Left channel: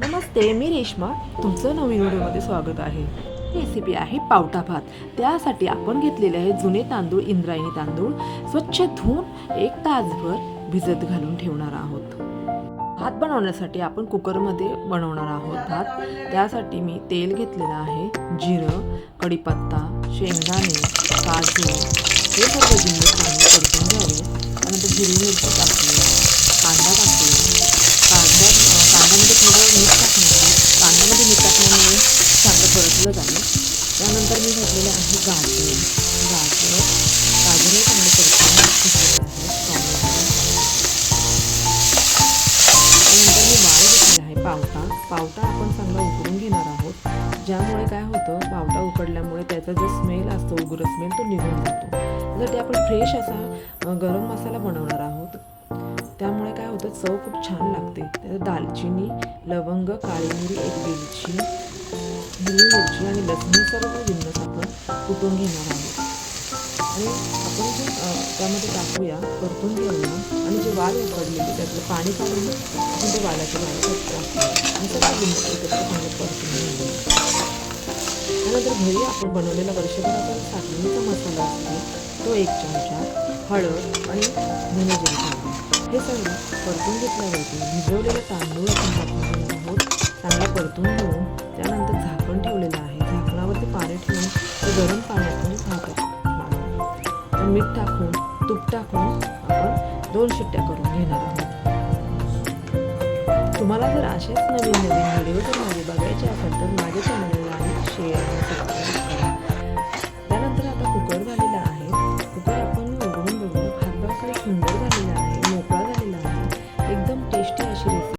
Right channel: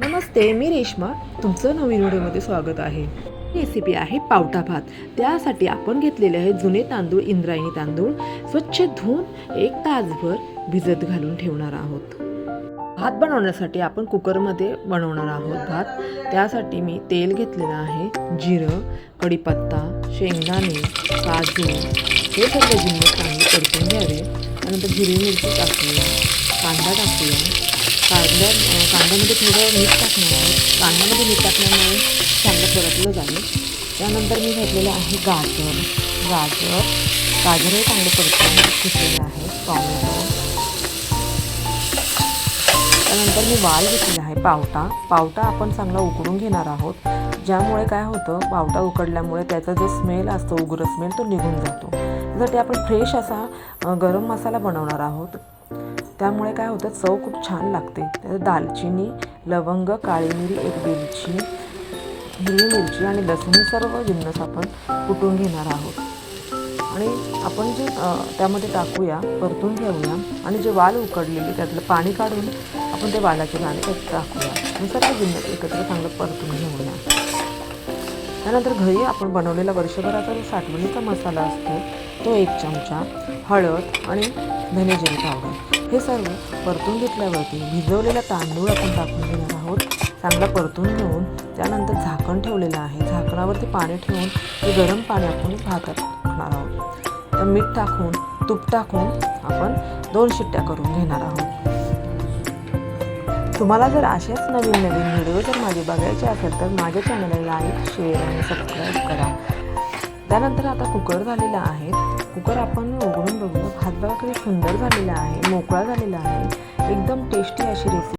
नमस्ते, मी रेश्मा. तुमचं नवीन व्हिडिओमध्ये स्वागत आहे. रेसिपी आहे पावटा भात. त्यासाठी आपण घेतलेले आहे जुने तांदूळ, इंद्रायणी तांदूळ. स्वच्छ धुवून 1 तासभर भिजत घालून ठेवणार आहोत. भात बनवण्यासाठी आपण कुकरमध्ये बनवणार आहोत भात. त्यासाठी मी तेल घेतलेलं आहे, जिरं, कढीपत्ता, शेंगदाणे, काजू हे सर्व जिन्नस चांगले परतून घ्यावे. त्यानंतर हिरवी मिरची टाकूया, कांदा टाकूया. कांद्यामध्ये थोडं मीठ टाकणार आहे. कांद्यामध्ये मीठ टाकल्यामुळे चांगलं परतलं जाईल. त्यानंतर मी घेतलेलं आहे गाजर हे चांगले परतून घेतलेलं आहे. टॉमॅटो. त्यानंतर मी वाल घेतलेला आहे पावटा आपण चांगला उकडून घेणार आहोत. ज्यामुळे काय होतं, पावटा उकडल्यामुळे त्याचा जो स्मेल असतो, उग्र स्मेल, तो निघून जातो. त्यासाठी आपण फ्रेश असा गरम मसाला बनवणार आहोत. त्यामुळे काय होतं, चव खूप छान लागते. त्यात दालचिनी, लवंग, काळी मिरी, 1 वेलची, हिरवी मिरची आणि लसूण हे सर्व जिन्नस आपण कुटून घेणार आहोत. आणि आपण जे त्यामध्ये टाकूया, परतून घेऊया. आणि जे वाल उकडलेले त्यातलं पाणी काढून आपण ते वालाचे दाणे त्यात टाकूया आणि सर्व जिन्नस एकत्र चांगलं परतून घेऊया. त्यानंतर घरी आपण बनवलेला वर्षभराचा जो साठवणीचा मसाला असतो तो 1 चमचा, हळद आणि धने जिरे पावडर हे सर्व परतून घेतल्यावरती भिजवलेला तांदूळ आपण टाकून घेणार आहोत. चांगला परतून घेऊन त्यानंतर झाकण ठेवलेलं आहे. झाकणावरती पाणी ठेवून ते गरम पाणी आपण भातात टाकणार आहोत. तर मीठ टाकून, तूप टाकून आपण 2 शिट्ट्या करून घेणार आहोत. तुम्हाला जर अशाच नवीन व्हिडिओ जर माझे बघायचे असेल तर माझ्या चॅनलला लाईक, शेअर आणि सबस्क्राईब करा. त्यानंतर आता कुकर झालेला आहे. कुकर आपण उघडून बघूया. भात बघा किती सुंदर झालेला आहे, मोकळा झालेला आहे. एकदम टेस्टी अशी रेसिपी.